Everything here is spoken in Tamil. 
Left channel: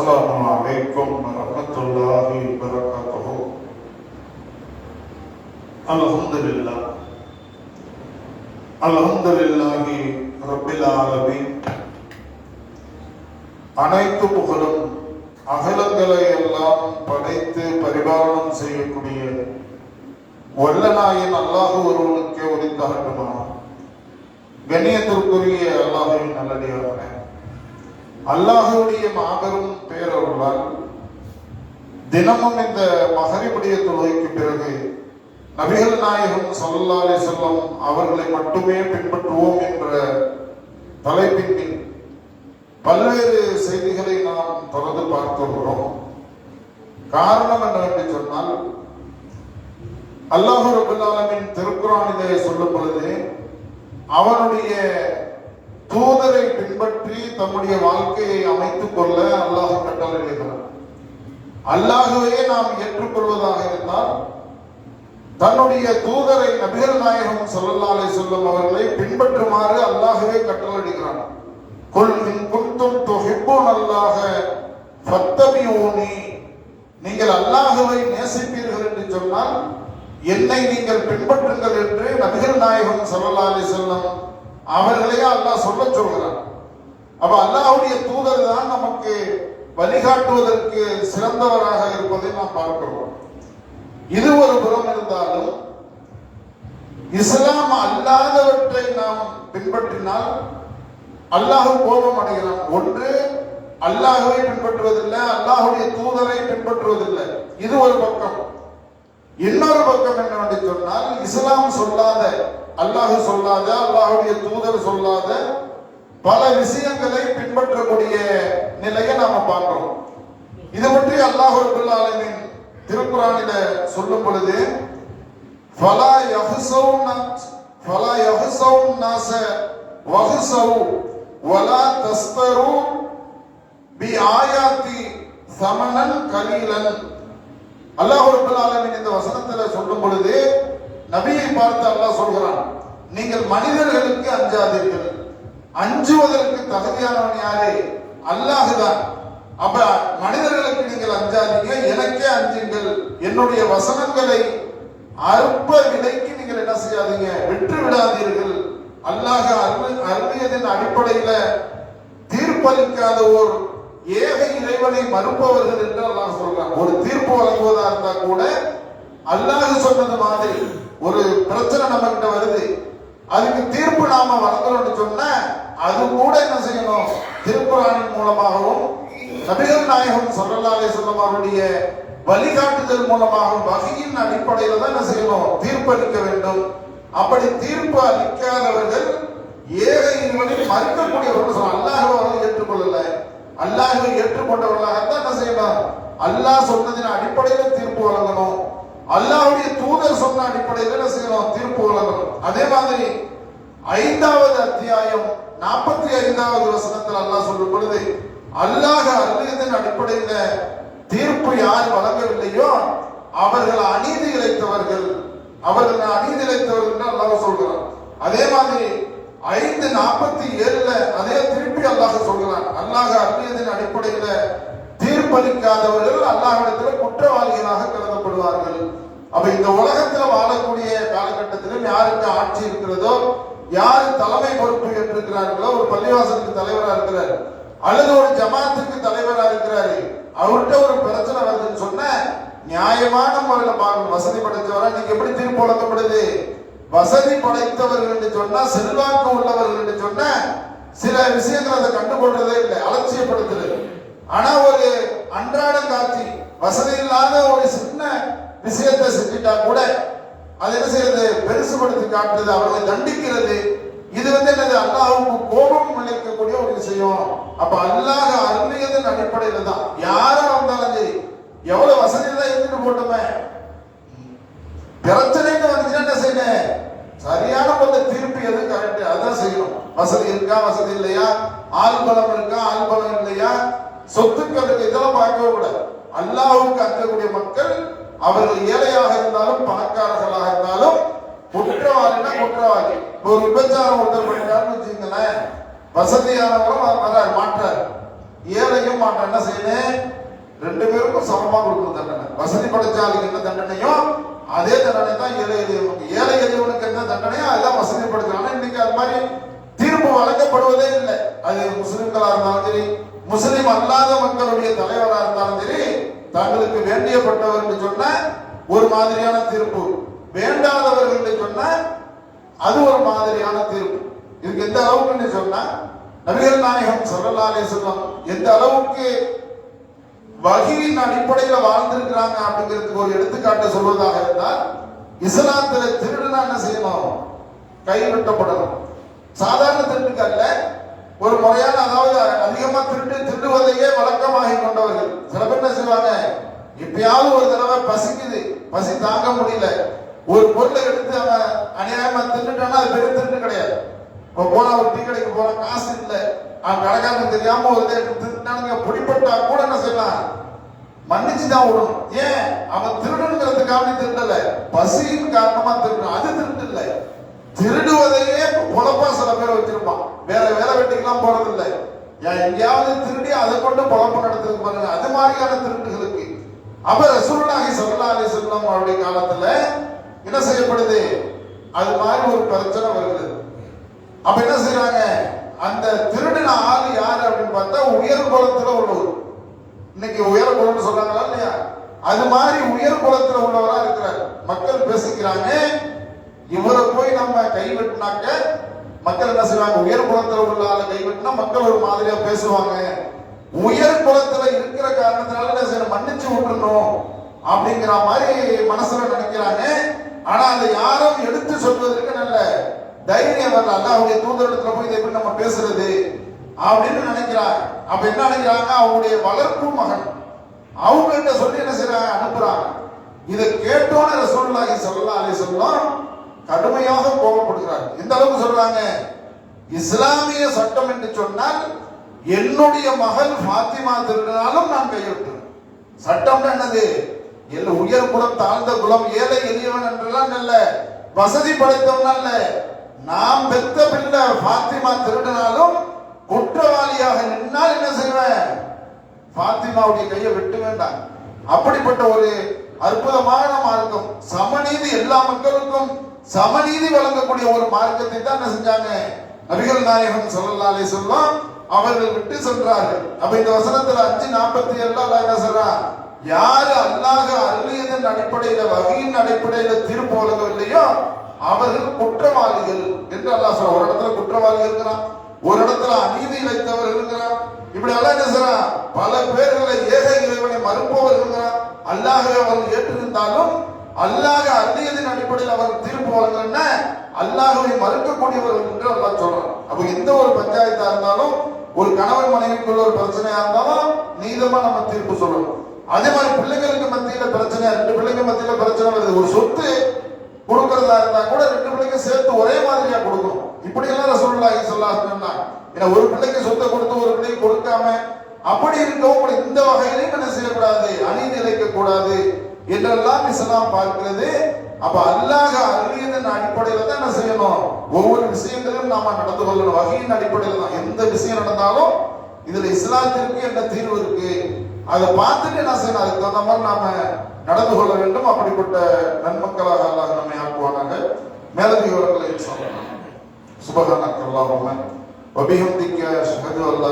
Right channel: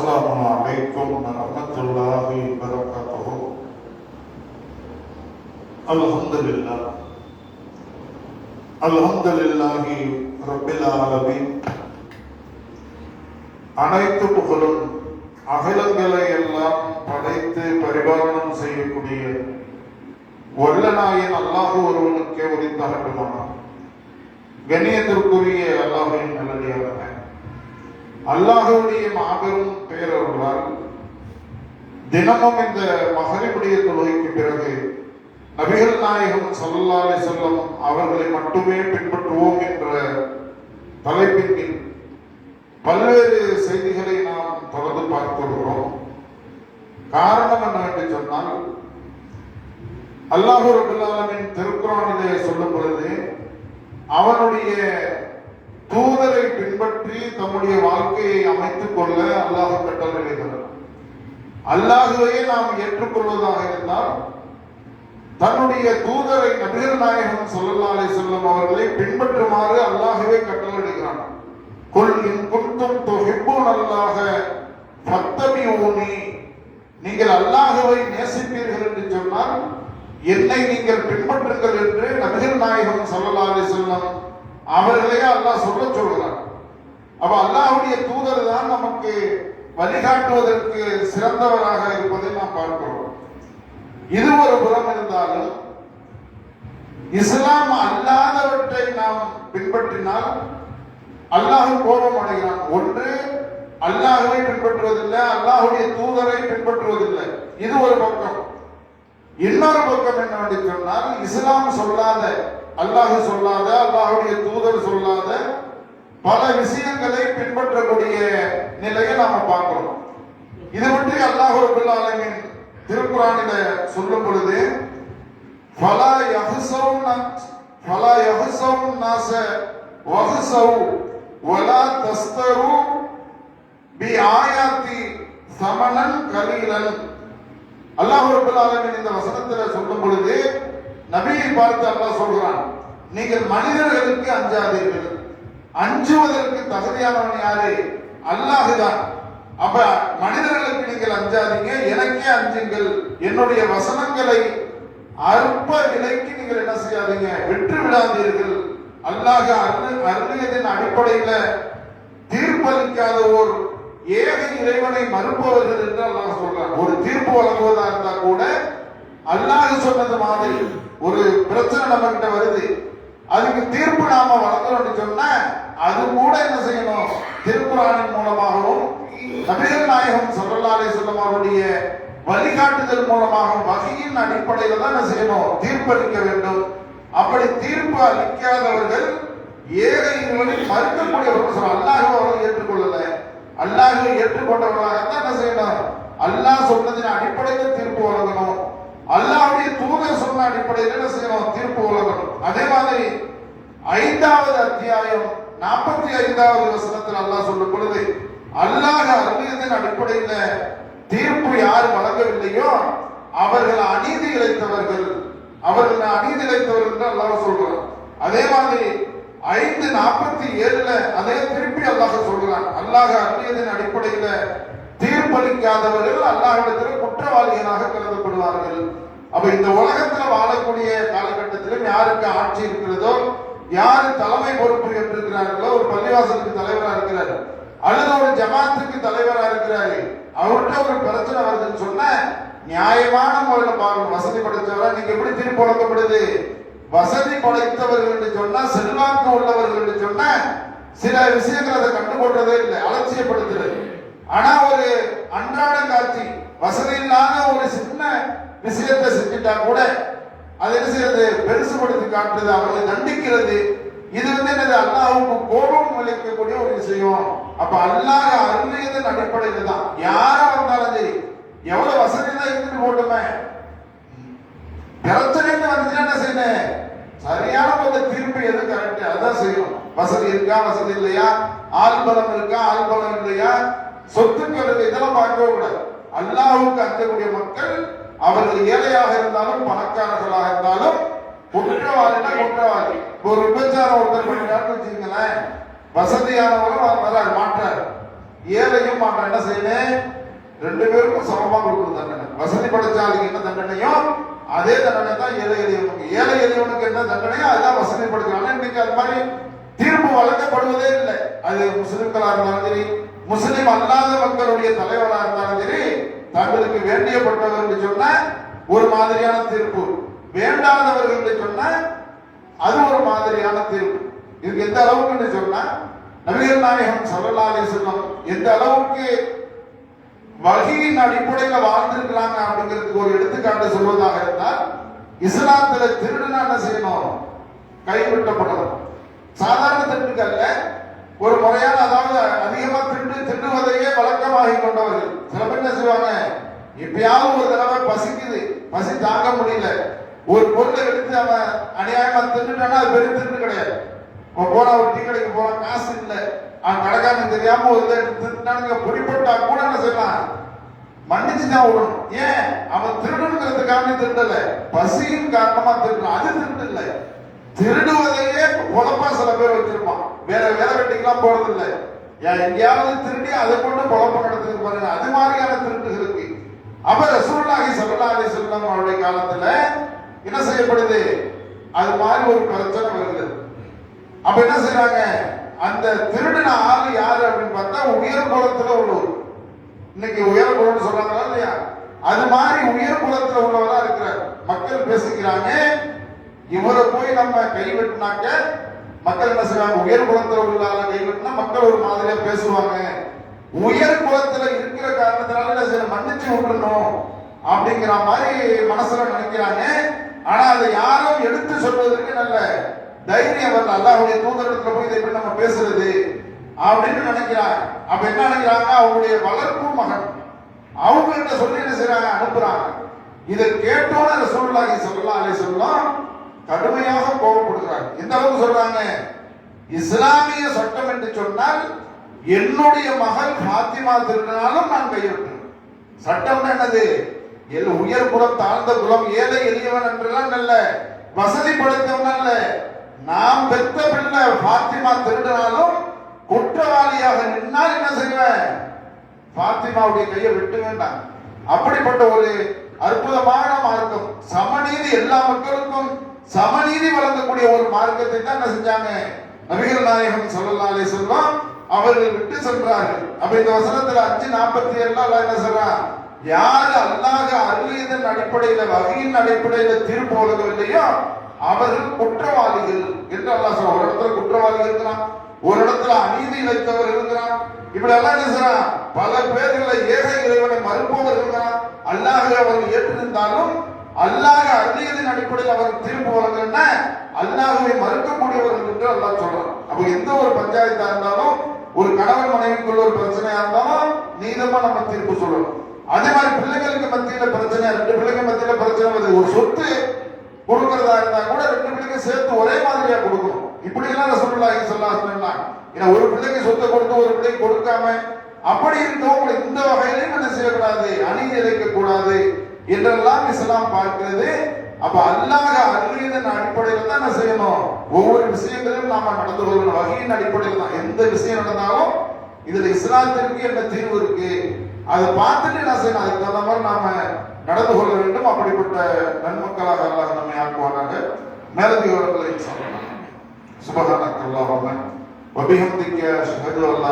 السلام عليكم ورحمة الله وبركاته. الحمد لله رب العالمين. அனைத்து புகழும் அகிலங்களை எல்லாம் படைத்து பரிபாலனம் செய்யக்கூடிய வல்லநாயன் அல்லாஹ் ஒருவனுக்கே உரித்தாகட்டுமா. கண்ணியத்திற்குரிய அல்லாஹ்வின் நல்லடியார்களே, அல்லாஹ்வுடைய மாபெரும் பேரருளால் தினமும் இந்த மகரிபுடைய தொழுகைக்கு பிறகு நபிகள் நாயகம் ஸல்லல்லாஹு அலைஹி வஸல்லம் அவர்களை மட்டுமே பின்பற்றுவோம் என்ற தலைப்பின் கீழ் பல்வேறு செய்திகளை நாம் தொடர்ந்து பார்த்து வருகிறோம். காரணம் என்னவென்று சொன்னால், அல்லாஹ் ரப்பல் ஆலமீன் திருக்குர்ஆனிலே சொல்லும் பொழுது அவனுடைய தூதரை பின்பற்றி தம்முடைய வாழ்க்கையை அமைத்துக் கொள்ள அல்லாஹ் கட்டளையிடுகிறார். அல்லாஹ்வையே நாம் ஏற்றுக்கொள்வதாக இருந்தால் தன்னுடைய தூதரை நபிகள் நாயகம் ஸல்லல்லாஹு அலைஹி வஸல்லம் அவர்களை பின்பற்றுமாறு அல்லாஹ்வே கட்டளையிடுகிறான். குல் இன் குன்தும் துஹிப்பூனல்லாஹ ஃபத்தபிஊனி, நீங்கள் அல்லாஹ்வை நேசிப்பீர்கள் என்று சொன்னால் என்னை நீங்கள் பின்பற்றுங்கள் என்று நபிகள் நாயகம் ஸல்லல்லாஹு அலைஹி வஸல்லம் அவர்களையே அல்லாஹ் சொல்கிறான். அப்ப அல்லாஹ்வுடைய தூதர் தான் நமக்கு வழிகாட்டுவதற்கு சிறந்தவராக இருப்பதை நாம் பார்க்கிறோம். இது ஒரு புறம் இருந்தாலும், இஸ்லாம் அல்லாதவற்றை நாம் பின்பற்றினால் அல்லாஹ் கோபம் அடைகிறான். ஒன்று, அல்லாஹ்வை பின்பற்றுவதில்லை, அல்லாஹ்வுடைய தூதரை பின்பற்றுவதில்லை. இது ஒரு பக்கம். இன்னொரு பக்கம் என்னவென்று சொன்னால், இஸ்லாம் சொல்லாத, அல்லாஹ் சொல்லாத, அல்லாஹ்வுடைய தூதர் சொல்லாத பல விஷயங்களை பின்பற்றக்கூடிய நிலையை நாம பார்க்கிறோம். இது பற்றி அல்லாஹ் ரப்பல் ஆலமீன் திருக்குர்ஆனில சொல்லும் பொழுது ஃபலா யஹ்ஸவுன் நாஸ வஹ்ஸவு வலா தஸ்தரு பி ஆயாத்தி ஸமனன் கலீலன். அல்லாஹ் ரப்பல் ஆலமீன் இந்த வசனத்துல சொல்லும் பொழுது நபியை பார்த்து அல்லாஹ் சொல்கிறான், நீங்கள் மனிதர்களுக்கு அஞ்சாதீர்கள். அஞ்சுவதற்கு தகுதியானவன் யாரு? அல்லாஹ் தான். அப்ப மனிதர்களுக்கு நீங்கள் அஞ்சாதீங்க, எனக்கே அஞ்சுங்கள். என்னுடைய வசனங்களை அற்ப விலைக்கு நீங்கள் என்ன செய்யாதீங்க, விட்டு விடாதீர்கள். அல்லாஹ் அருளியதின் அடிப்படையில தீர்ப்பளிக்காத ஒரு ஏக இறைவனை மறுப்பவர்கள் என்று அல்லாஹ் சொல்றான். ஒரு தீர்ப்பு வழங்குவதா இருந்தா கூட அல்லாஹ் சொன்னது மாதிரி ஒரு பிரச்சனை நம்ம கிட்ட வருது, அதுக்கு தீர்ப்பு நாம வழங்கணும்னு சொன்ன அது கூட என்ன செய்யணும், திருக்குர்ஆனின் மூலமாகவும் நபிகள் நாயகம் ஸல்லல்லாஹு அலைஹி வஸல்லம் அவருடைய வழிகாட்டுதல் மூலமாகவும் வஹீயின் அடிப்படையில தான் என்ன செய்யணும், தீர்ப்பு அளிக்க வேண்டும். அப்படி தீர்ப்பு அளிக்காதவர்கள் ஏக இறைவனை மறுக்கக்கூடியவர்கள் சொல்ல, அல்லாஹ்வை அவர்கள் ஏற்றுக்கொள்ளல, அல்லாஹ்வை ஏற்றுக்கொண்டவர்களாகத்தான் என்ன செய்யணும், அல்லாஹ் சொன்னதின் அடிப்படையில் தீர்ப்பு வழங்கணும். அல்லாஹ்வுடைய தூதர் சொன்ன அடிப்படையில் என்ன செய்யணும், தீர்ப்பு வழங்கணும். அதே மாதிரி 5வது அத்தியாயம் 45வது வசனத்தில் அல்லாஹ் சொல்லும் பொழுது, அல்லாஹ் அருளியதின் அடிப்படையில் தீர்ப்பு யார் வழங்கவில்லையோ அவர்கள் அநீதி இழைத்தவர்கள், அவர்கள் அநீதி இழைத்தவர்கள் என்று அல்லாஹ் சொல்கிறான். அதே மாதிரி 5:47 அதே திருப்பி அல்லாஹ் சொல்கிறான், அல்லாஹ் அருளியதின் அடிப்படையில் தீர்ப்பளிக்காதவர்கள் அல்லாஹ்விடத்தில் குற்றவாளிகளாக கருதப்படுவார்கள். அப்ப இந்த உலகத்துல வாழக்கூடிய காலகட்டத்திலும் யாருக்கு ஆட்சி இருக்கிறதோ, யாரு தலைமை பொறுப்பு ஏற்றிருக்கிறார்களோ, ஒரு பள்ளிவாசலுக்கு தலைவரா இருக்கிறார் அல்லது ஒரு ஜமாத்துக்கு தலைவரா இருக்கிறாரு, அவர்கிட்ட ஒரு பிரச்சனை வருதுன்னு சொன்ன நியாயமான முறையில பார்க்கணும். வசதி படைத்தவரா, நீங்க எப்படி தீர்ப்பு வழங்கப்படுது? வசதி படைத்தவர்கள் என்று சொன்னா, செல்வாக்கு உள்ளவர்கள் என்று சொன்ன சில விஷயங்கள் அதை கண்டுகொள்றதே இல்லை, அலட்சியப்படுத்துறது. ஆனா ஒரு அன்றாட காட்சி, வசதி இல்லாத ஒரு சின்ன விஷயத்தை செஞ்சுட்டா கூட அதை என்ன செய்யறது, பெருசுபடுத்தி காட்டுறது, அவர்களை தண்டிக்கிறது. இது என்னது, அல்லாஹ்வுக்கு கோபம் அளிக்கக்கூடிய ஒரு விஷயம். அப்ப அல்லாஹ் அருளியதன் அடிப்படையில தான் யாரா வந்தாலும் சரி, எவ்வளவு வசதி தான் இருந்துட்டு போட்டுமே, பிரச்சனைன்னு வந்துச்சுன்னா என்ன செய்யணும், சரியான கொஞ்சம் தீர்ப்பு எது கரெக்ட் அதான் செய்யணும். வசதி இருக்கா, வசதி இல்லையா, ஆள் பலம் இருக்கா, ஆள் பலம் இல்லையா, சொத்துக்கள் இதெல்லாம் பார்க்கவே கூடாது. அல்லாஹ்வுக்கு அஞ்சக்கூடிய மக்கள் அவர்கள் ஏழையாக இருந்தாலும் பணக்காரர்களாக இருந்தாலும் குற்றவாளினா குற்றவாளி. ஒரு விபச்சாரம் ஒருத்தர் பண்ணிட்டாருன்னு வச்சுங்களேன், வசதியானவரும் வர்றாரு மாற்றாரு, ஏழையும் அவன் என்ன செய்யணும், ரெண்டு பேருக்கும் சமமா கொடுக்கணும் தண்டனை. வசதி படைச்சாலுக்கு என்ன தண்டனையோ அதே தண்டனை தான் ஏழை எளியவனுக்கு. ஏழை எளியவனுக்கு என்ன தண்டனையோ அதுதான் வசதி படைச்சாலும். இன்னைக்கு அது மாதிரி தீர்ப்பு வழங்கப்படுவதே இல்லை. அது முஸ்லிம்களா இருந்தாலும் சரி, முஸ்லிம் அல்லாத மக்களுடைய தலைவராக இருந்தாலும் சரி, தங்களுக்கு வேண்டியப்பட்டவர்கள் சொன்ன ஒரு மாதிரியான தீர்ப்பு, வேண்டாதவர்கள் சொன்ன அது ஒரு மாதிரியான தீர்ப்பு. இதுக்கு எந்த அளவுக்கு சொன்னா, நபிகள் நாயகம் ஸல்லல்லாஹு அலைஹி வஸல்லம் எந்த அளவுக்கு வஹீயின் அடிப்படையில் வாழ்ந்திருக்கிறாங்க அப்படிங்கிறதுக்கு ஒரு எடுத்துக்காட்டு சொல்வதாக இருந்தால், இஸ்லாத்துல திருடுனா என்ன செய்யணும், கைவிட்டப்படணும். சாதாரண திருட்டுக்கு அல்ல, ஒரு முறையான, அதாவது அதிகமா திருடுவதையே வழக்கமாகி கொண்டவர்கள். சில பேர் என்ன செய்வாங்க, எப்பயாவது ஒரு தடவை பசிக்குது, பசி தாங்க முடியல, ஒரு பொருளை எடுத்து அவன் அநியாயமா திருட்டானா அது பெரிய திருட்டு கிடையாது. போனா ஒரு டீ கடைக்கு போனா காசு இல்லை, அவன் கடைக்காரன் தெரியாம ஒரு இதை எடுத்து திருட்டானுங்க, பிடிப்பட்டா கூட என்ன செய்யலாம், மன்னிச்சுதான் விடணும். ஏன், அவன் திருடனுங்கிறதுக்காக திருடல, பசியின் காரணமா திருடுறான், அது திருட்டு இல்லை. திருடுவதையே பொழப்பா சில பேர் வச்சிருப்பான், வேற வேலை வெட்டிக்கெல்லாம் போறது இல்லை, எங்கேயாவது திருடி அதை கொண்டு பொழப்பு நடத்துறது பாருங்க, அது மாதிரியான திருட்டுகளுக்கு. அப்ப ரசூலுல்லாஹி ஸல்லல்லாஹு அலைஹி வஸல்லம் அவருடைய காலத்துல என்ன செய்யப்படுது, அது மாதிரி ஒரு பிரச்சனை வருது. அப்ப என்ன செய்யறாங்க, அந்த திருடின ஆள் யாரு அப்படின்னு பார்த்தா உயர் குலத்துல உள்ளவர். இன்னைக்கு உயர் குலம்னு சொல்றாங்களா இல்லையா, அது மாதிரி உயர் குலத்துல உள்ளவரா இருக்கிறார். மக்கள் பேசிக்கிறாங்க, இவரை போய் நம்ம கைவிட்டினாக்க மக்கள் என்ன செய்வாங்க, உயர் குலத்துல உள்ள ஆளை கைவிட்டினா மக்கள் ஒரு மாதிரியா பேசுவாங்க, உயர் குலத்துல இருக்கிற காரணத்தினால என்ன செய்யணும், மன்னிச்சு விட்டுறணும் அப்படிங்கிற மாதிரி மனசுல நினைக்கிறாங்க. ஆனா அதை யாரும் எடுத்து சொல்வதற்கு நல்ல தைரியம் வரல. அல்லாஹ்வுடைய தூதரிடத்துல போய் இதை எப்படி நம்ம பேசுறது அப்படின்னு நினைக்கிறாங்க. அப்ப என்ன நினைக்கிறாங்க, அவங்களுடைய வளர்ப்பு மகன் அவங்கள்ட்ட சொல்லி என்ன செய்யறாங்க, அனுப்புறாங்க. இதை கேட்டோன்னு ரசூலுல்லாஹி ஸல்லல்லாஹு அலைஹி வஸல்லம் கடுமையாக கோபப்படுகிறாங்க. இந்த அளவுக்கு சொல்றாங்க, இஸ்லாமிய சட்டம் என்று சொன்னால் என்னுடைய மகள் ஃபாத்திமா திருடினாலும் நான் கையெழுத்துவேன். சட்டம் என்னது, உயர் குலம் தாழ்ந்த குலம் ஏழை எளியவன் என்றெல்லாம் இல்ல, வசதி படைத்தவன் அல்ல, நாம் பெத்த பிள்ளை ஃபாத்திமா திருடினாலும் குற்றவாளியாக நின்னால் என்ன செய்வேன், ஃபாத்திமாவுடைய கையை விட்டு வேண்டாம். அப்படிப்பட்ட ஒரு அற்புதமான மார்க்கம், சமநீதி, எல்லா மக்களுக்கும் சமநீதி வழங்கக்கூடிய ஒரு மார்க்கத்தை தான் என்ன செஞ்சாங்க, நபிகள் நாயகம் ஸல்லல்லாஹு அலைஹி வஸல்லம் அவர்கள் விட்டு சென்றார்கள். அப்ப இந்த வசனத்துல 5:47 அல்லாஹ் என்ன சொல்றான், யாரு அல்லாஹ் அருளியதன் அடிப்படையில வஹீயின் அடிப்படையில தீர்ப்பு வழங்கவில்லையோ அவர்கள் குற்றவாளிகள் என்று அல்லாஹ் சொல்றான். ஒரு இடத்துல குற்றவாளி இருக்கிறான், ஒரு இடத்துல அநீதி இழைத்தவர் இருக்கிறான். இப்படி எல்லாம் என்ன செய்றான், பல பேர்களை ஏக இறைவனை மறுப்பவர் இருக்கிறான். அல்லாஹ் அவர்கள் ஏற்றிருந்தாலும் அல்லாஹ் அருளியதன் அடிப்படையில் அவர் தீர்ப்பு வழங்கலன்னா அல்லாஹ்வை மறுக்கக்கூடியவர்கள் என்று அல்லாஹ் சொல்றான். அப்ப எந்த ஒரு பஞ்சாயத்தா இருந்தாலும், ஒரு கணவன் மனைவிக்குள்ள ஒரு பிரச்சனையா இருந்தாலும் நீதமா நம்ம தீர்ப்பு சொல்லணும். அதே மாதிரி பிள்ளைங்களுக்கு மத்தியில பிரச்சனை, ரெண்டு பிள்ளைங்க மத்தியில பிரச்சனை வருது, ஒரு சொத்து கொடுக்கறதா இருந்தா கூட ரெண்டு பிள்ளைங்க சேர்த்து ஒரே மாதிரியா கொடுக்கும். இப்படி எல்லாம் ரசூலுல்லாஹி ஸல்லல்லாஹு அலைஹி வஸல்லம், ஏன்னா ஒரு பிள்ளைக்கு சொத்தை கொடுத்து ஒரு பிள்ளைக்கு கொடுக்காம அப்படி இருக்கவும் இந்த வகையிலும் என்ன செய்யக்கூடாது, அநீதி இழைக்க கூடாது என்றெல்லாம் இஸ்லாம் பார்க்கிறது. அப்ப அல்லாஹ் அருளியதன் அடிப்படையில தான் என்ன செய்யணும், ஒவ்வொரு விஷயங்களும் நாம நடந்து கொள்ளணும். வஹீயின் அடிப்படையில் தான் எந்த விஷயம் நடந்தாலும் இதுல இஸ்லாத்திற்கு என்ன தீர்வு இருக்கு அதை பார்த்துட்டு என்ன செய்யணும், அதுக்கு தகுந்த மாதிரி நாம நடந்து கொள்ள வேண்டும். அப்படிப்பட்ட நன்மக்களாக அல்லாஹ் நம்மை ஆக்குவானாங்க. மேலதிக விவரங்களை சுபஹானக அல்லாஹும்ம வபிஹம்திக அஷ்ஹது அல்லா